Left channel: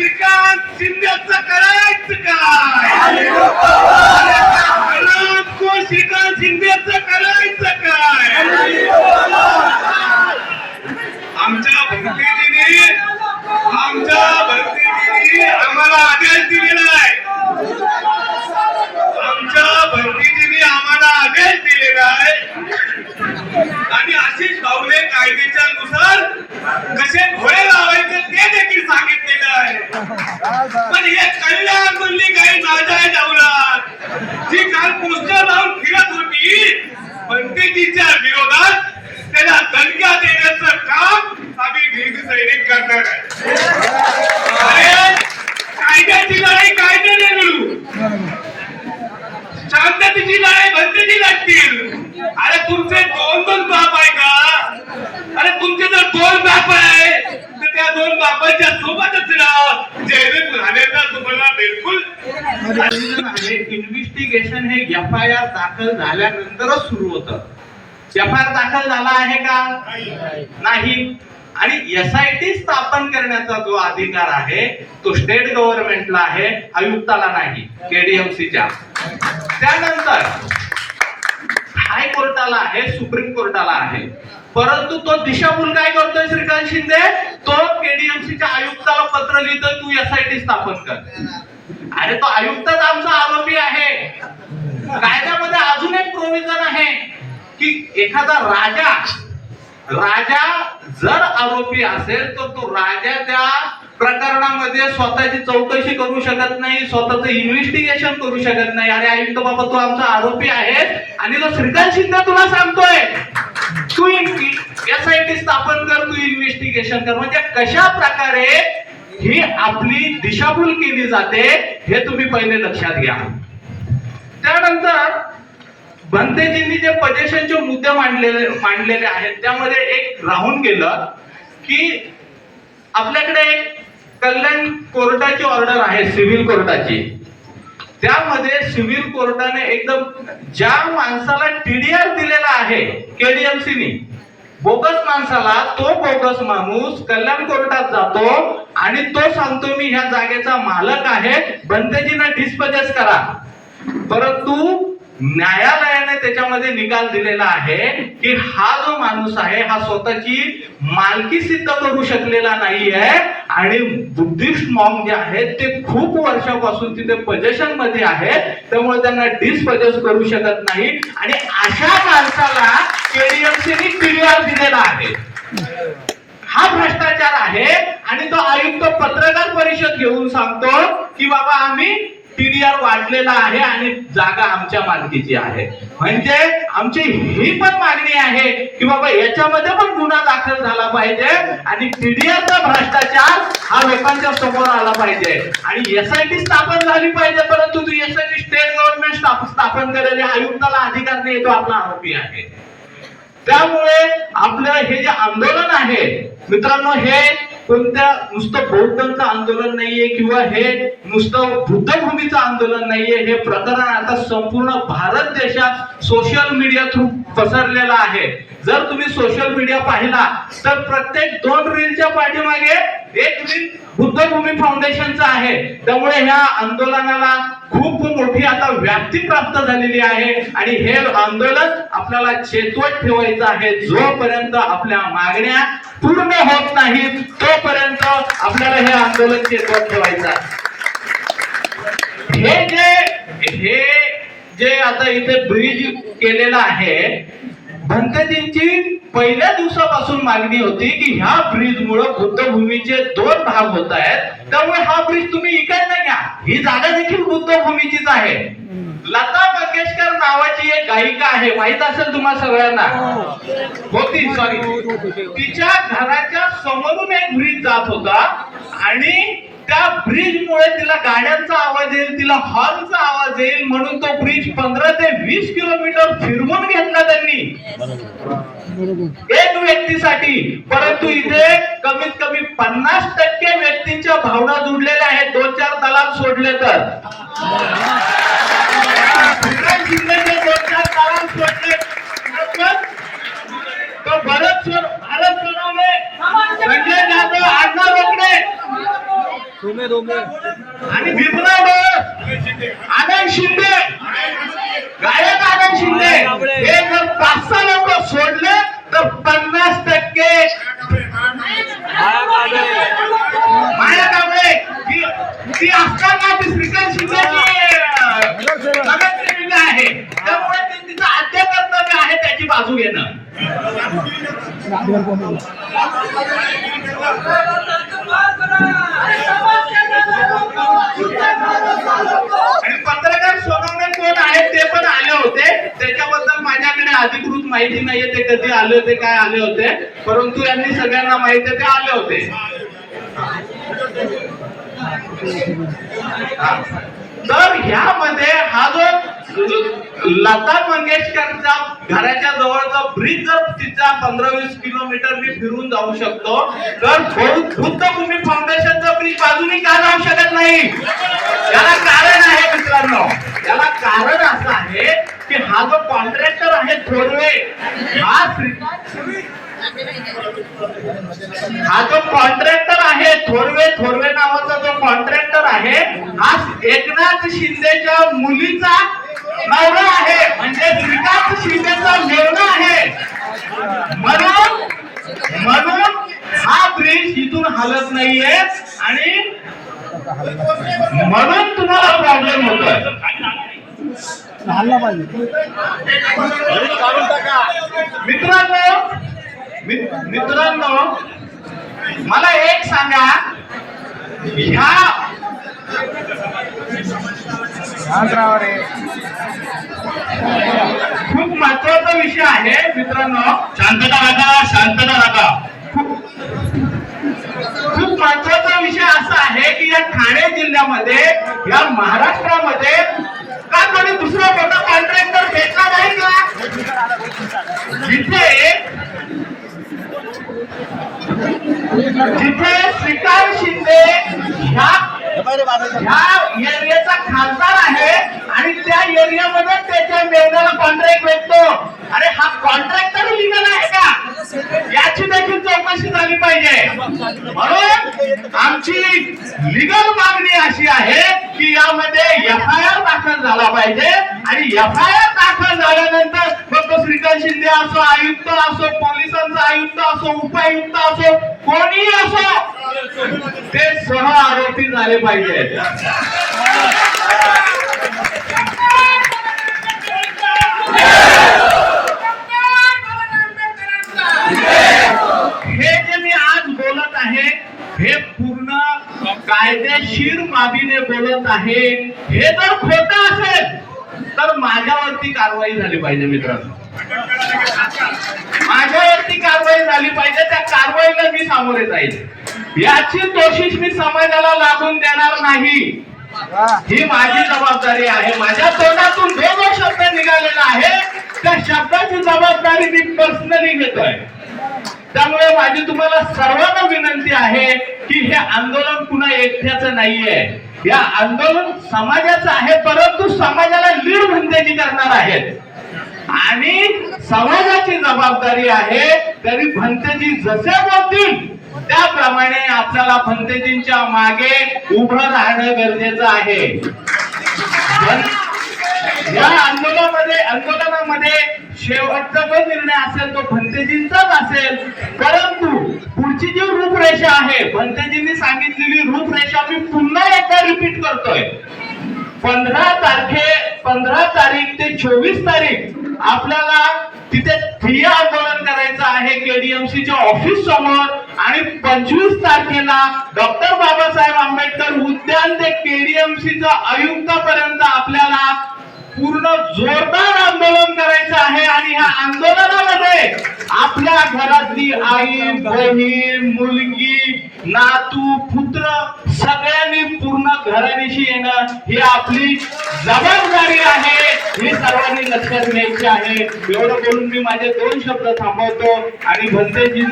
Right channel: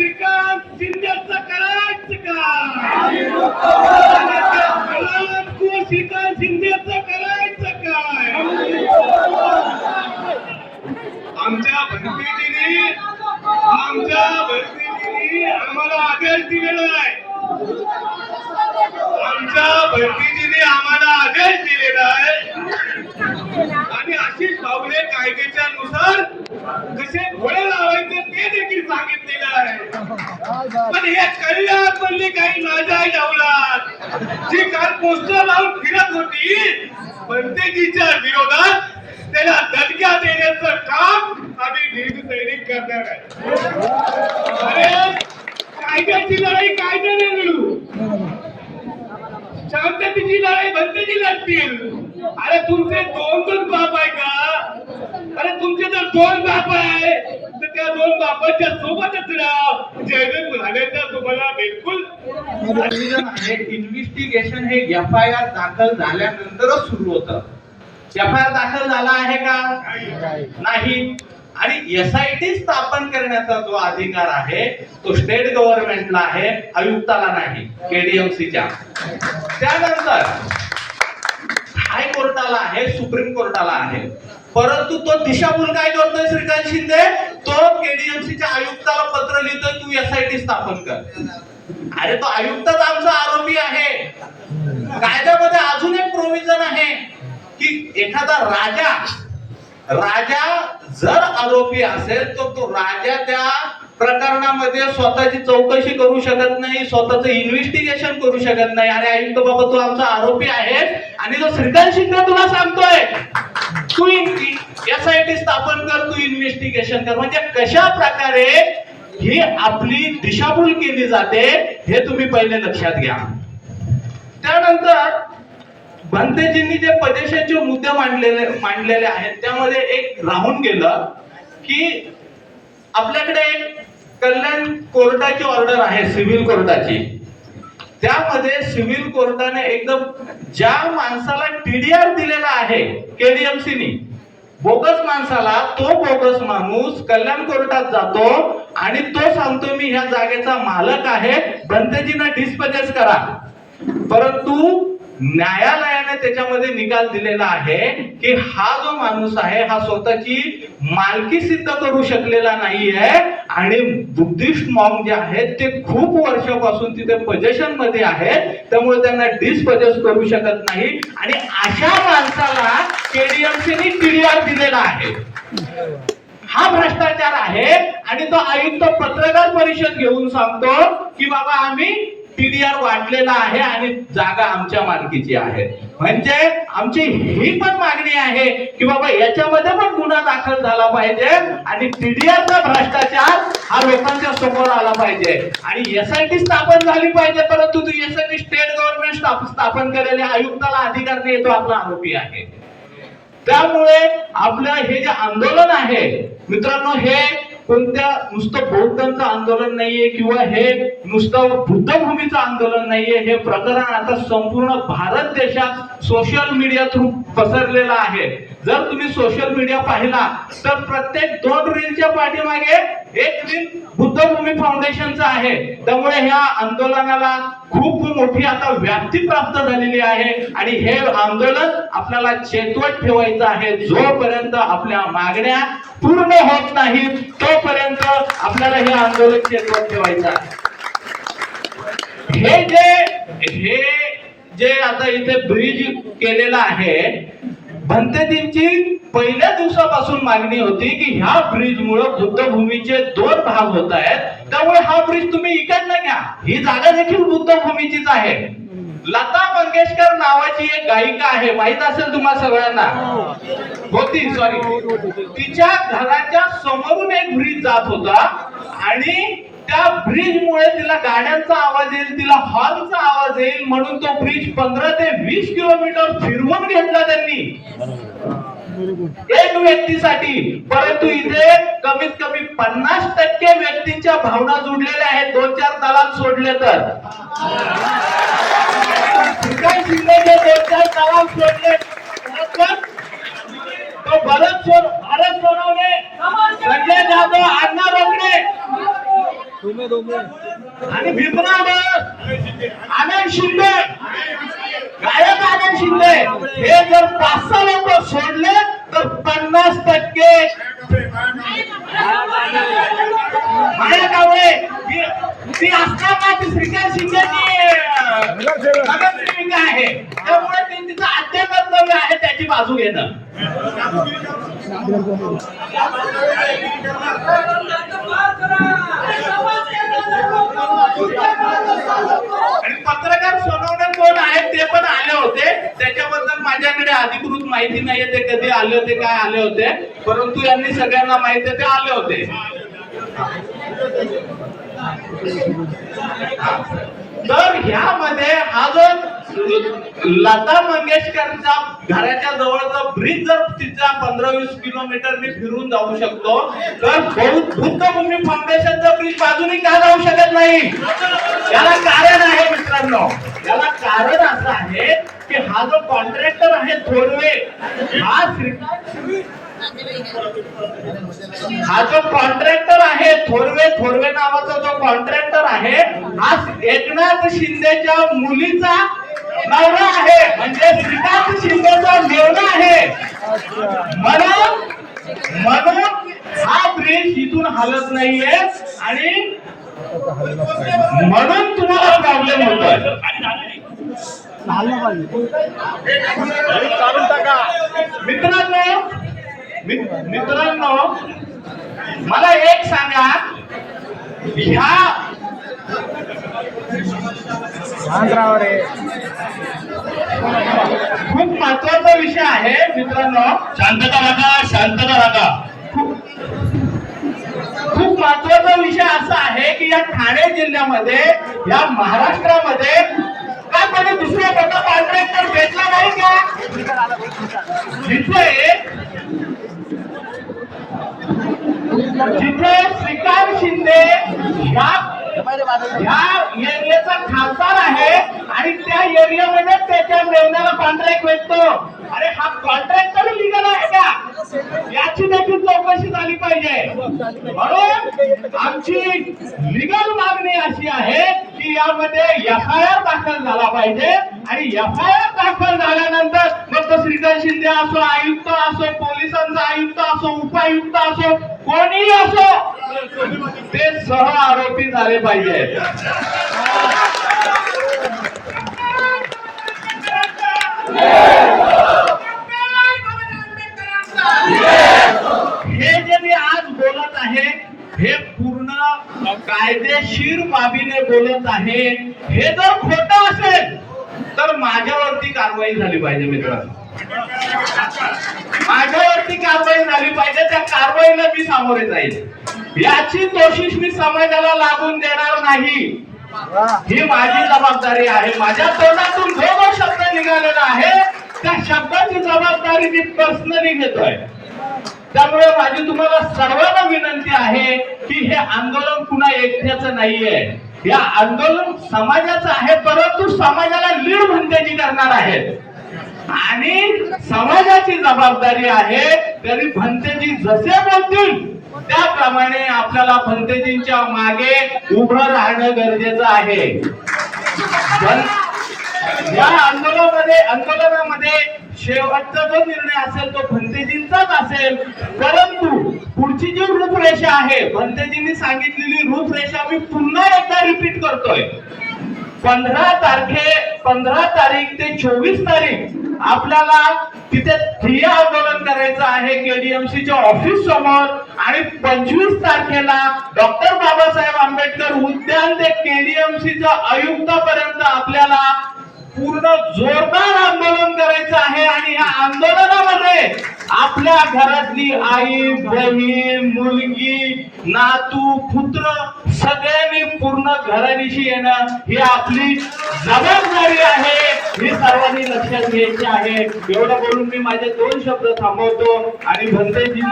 श्रीकांत शिंदेचं करायचं काय? श्रीकांत शिंदेचं करायचं काय? आमच्या भक्तीजींनी आम्हाला आदेश दिलेला आहे. आणि आशिष भाऊने कायद्याच्या नुसार कसे घोडे लावायचे ते देखील सांगितलेलं आहे. पण हे कल्याण म्हणली काही नाजायज अवलाद जी काल पोस्टर लावून फिरत होती पंडितजीच्या विरोधात त्याला दणक्या देण्याचं काम आम्ही भीम सैनिक करणार आहे. अरे कायद्याची लढाई कायद्याने लढू, शांततेची लढाई भक्तीची लढतील. अरे तुमचे दोन बाप आहे का? अरे तुमचे जर दोन बाप आहे तर त्या दोन बापाच्या सोबतच जयदेव राणेचा तुम्हाला बिलकुल इन्व्हेस्टिगेशन हे FIR दाखल झाल्यानंतरच सुरू होतं. FIR दाखल झाला आहे का? नाही. आणि SIT स्थापन करण्याचा जो अधिकार आहे तो स्टेट गव्हर्नमेंटला आहे, आयुक्ताला नाही, KDMCच्या. त्यानंतर हायकोर्टाला आहे, सुप्रीम कोर्टाला आहे. परंतु तो दिशाभूल काय करतोय श्रीकांत शिंदे? तो KDMCच्या आयुक्ताला पत्र लिहितोय तू SIT स्थापन कर. अरे तो आयुक्तच आमचा आरोपी आहे. कायद्यामध्ये अजून एक प्रोव्हिजन आहे की एखादा राजा जर आरोपी असेल तर तो राजा त्या प्रकरणामध्ये स्वतःची चौकशी करू शकत नाही, स्वतःच इन्व्हेस्टिगेशन करू शकत नाही. अरे आयुक्त बाबा तू आमचा आरोपी आहे आणि तो श्रीकांत शिंदे तुला सांगतोय तू SIT स्थापन कर, तू इन्व्हेस्टिगेशन कर. म्हणजे कशा प्रकारे ही आपली दिशाभूल केली जाते हे तुम्ही पहिले लक्षात घ्या. त्यानंतर बनतेजींनी जे पजेशनचे मुद्दे मांडलेले आहेत त्यामध्ये एक राहून गेलं की आपल्याकडे एक कल्याण कोर्टाची ऑर्डर आहे, सिव्हिल कोर्टाची. त्यामध्ये सिव्हिल कोर्टाने एकदम ज्या माणसाला TDR दिलेला आहे KDMCनी, बोगस माणसाला, तो बोगस माणूस कल्याण कोर्टात जातो आणि तो सांगतो मी ह्या जागेचा मालक आहे, बनतेजींना डिस्पोजेस करा. परंतु न्यायालयाने त्याच्यामध्ये निकाल दिलेला आहे की हा जो माणूस आहे हा स्वतःची मालकी सिद्ध करू शकलेला नाहीये आणि बुद्धिस्ट मॉन्क जे आहेत ते खूप वर्षापासून तिथे पोझिशन मध्ये आहेत, त्यामुळे त्यांना डिस्पोजेस करू शकत नाही. आणि अशा माणसाला KDMCने TDR दिलेला आहे. हा भ्रष्टाचार आहे. आणि तो आयुक्त पत्रकार परिषद घेऊन सांगतो की बाबा आम्ही TDR वाढलेला आहे आणि जागा आमच्या मालकीची आहे. म्हणजे आमची ही पण मागणी आहे की बाबा याच्यामध्ये पण गुन्हा दाखल झाला पाहिजे आणि TDRचा भ्रष्टाचार हा लोकांच्या समोर आला पाहिजे आणि SIT स्थापन झाली पाहिजे. परंतु SIT स्टेट गव्हर्नमेंट स्थापन केलेल्या आयुक्ताला अधिकार नाही, तो आपला आरोपी आहे. त्यामुळे आपलं हे जे आंदोलन आहे मित्रांनो, हे कोणत्या नुसतं बौद्धांचं आंदोलन नाहीये किंवा हे नुसतं बुद्धभूमीचं आंदोलन नाहीये. हे प्रकरण आता संपूर्ण भारत देशात सोशल मीडिया थ्रू पसरलेलं आहे. जर तुम्ही सोशल मीडिया पाहिला तर प्रत्येक 2 रीलच्या पाठीमागे एक रील बुद्धभूमी फाउंडेशनचं आहे. त्यामुळे ह्या आंदोलनाला खूप मोठी आता व्याप्ती प्राप्त झालेली आहे आणि हे आंदोलन आपल्याला चेतवत ठेवायचं आहे. जोपर्यंत आपल्या मागण्या पूर्ण होत नाहीत तोपर्यंत आपल्याला हे आंदोलन चेतवत ठेवायचं आहे. हे जे आता इथे ब्रिज केलेला आहे, भंतेजींची पहिल्या दिवसापासून मागणी होती की ह्या ब्रिज मुळे बुद्धभूमीचे 2 भाग होत आहेत, त्यामुळे हा ब्रिज तुम्ही इकडनं घ्या. ही जागा देखील बुद्धभूमीचीच आहे. लता मंगेशकर नावाची एक गायिका आहे, माहित असेल तुम्हा सगळ्यांना, होती सॉरी. तिच्या घराच्या समोरून एक ब्रिज जात होता आणि त्या ब्रिज मुळे तिला गाड्यांचा आवाज येईल, तिला हॉर्नचा आवाज येईल म्हणून तो ब्रिज 15 ते 20 किलोमीटर फिरवून घेतला त्यांनी एक व्यक्तीसाठी. परंतु इथे कमीत कमी 50% व्यक्तींच्या भावना जुडलेल्या आहेत. 2-4 दलाल सोडले तर श्रीकांत शिंदेचे 2-4 दलाल सोडले तो भारत सोनवणे, संजय जाधव, अण्णा रोकडे आणि भीमराव डोस, आनंद शिंदे, गायक आनंद शिंदे, हे जर 5-6 लोक सोडले तर 50% माया कावळे ती असताना ती श्रीकांत शिंदेची नगरसेविका आहे, त्यामुळे तिचं आद्य कर्तव्य आहे त्याची बाजू घेणं. आणि पत्रकार सोनवणे कोण आहेत ते पण आले होते, त्याच्याबद्दल माझ्याकडे अधिकृत माहिती नाहीये ते कधी आले होते, काय आले होते, परंतु यांनी सगळ्यांना माहिती आहे ते आले होते. तर ह्यामध्ये हा जो लता मंगेशकरच्या घराच्या जवळचा ब्रिज जर तिचा 15-20 किलोमीटरनी फिरून जाऊ शकतो, तर बुद्ध भूमी फाउंडेशनचा ब्रिज बाजूनी का जाऊ शकत नाही? याला कारण आहे मित्रांनो, याला कारण असं आहे की हा जो कॉन्ट्रॅक्टर आहे थोरवे, हा जो कॉन्ट्रॅक्टर आहे थोरवे नावाचा जो कॉन्ट्रॅक्टर आहे, हा एकनाथ शिंदेच्या मुलीचा नवरा आहे, म्हणजे श्रीकांत शिंदेचा मेवणा आहे. म्हणून हा ब्रिज इथून हलत नाहीये आणि म्हणून तुम्हाला प्रॉब्लेम होतोय. मित्रांनो मला एक सांगा, ह्या खूप महत्वाचा विषय आहे मित्रांनो, शांतता राखा. खूप महत्वाचा विषय असा आहे की या ठाणे जिल्ह्यामध्ये, या महाराष्ट्रामध्ये का कोणी दुसरा मोठा कॉन्ट्रॅक्टर भेटला नाही का? जिथे श्रीकांत शिंदे ह्या एरियाचा खासदार आहे आणि त्या एरियामध्ये त्याच्या मेवण्याला कॉन्ट्रॅक्ट भेटतो. अरे हा कॉन्ट्रॅक्टर लिगल आहे का? याची देखील चौकशी झाली पाहिजे. म्हणून आमची लिगल मागणी अशी आहे की यामध्ये FIR दाखल झाला पाहिजे आणि FIR दाखल झाल्यानंतर मग तो श्रीकांत शिंदे असो, आयुक्त असो, पोलिसांचा आयुक्त असो, उपायुक्त असो, कोणीही असो, ते सह आरोपी झाले पाहिजेत. हे जे मी आज बोलत आहे हे पूर्ण कायदेशीर बाबीने बोलत आहे. हे जर खोटं असेल तर माझ्यावरती कारवाई झाली पाहिजे मित्रांनो, माझ्यावरती कारवाई झाली पाहिजे. त्या कारवाईला मी सामोरे जाईल. याची कोशिश मी समाजाला लागून देणार नाही, ही माझी जबाबदारी आहे. माझ्या तोंडातून जो शब्द निघालेला आहे त्या शब्दाची जबाबदारी मी पर्सनली घेतोय. त्यामुळे माझी तुम्हाला सर्वांना विनंती आहे की हे आंदोलन पुन्हा एकट्याचं नाहीये, हे आंदोलन समाजाचं आहे, परंतु समाजाला लीड भंतेजी करणार आहेत आणि समाजाची जबाबदारी आहे. तरी भंतेजी जसे बोलतील त्याप्रमाणे आपल्याला भंतेजींच्या मागे उभं राहणं गरजेचं आहे. या आंदोलनामध्ये शेवटचा जो निर्णय असेल तो भंतेजींचाच असेल, परंतु पुढची जी रूपरेषा आहे, भंतेजींनी सांगितलेली रूपरेषा मी पुन्हा एकदा रिपीट करतोय. 15 तारीख ते 24 तारीख आपल्याला तिथे ठिय्या आंदोलन करायचं आहे KDMCच्या ऑफिस समोर आणि 25 तारखेला डॉक्टर बाबासाहेब आंबेडकर उद्यान ते KDMCच्या आयुक्तापर्यंत आपल्याला पूर्ण जोरदार आंदोलन करायचं आहे. आणि ह्या आंदोलनामध्ये आपल्या घरातली आई, बहीण, मुलगी, नातू, पुत्र सगळ्यांनी पूर्ण घराणीशी येणं ही आपली जबाबदारी आहे, ही सर्वांनी लक्षात घ्यायची आहे. एवढं बोलून मी माझे 2 शब्द थांबवतो आणि भंतेजी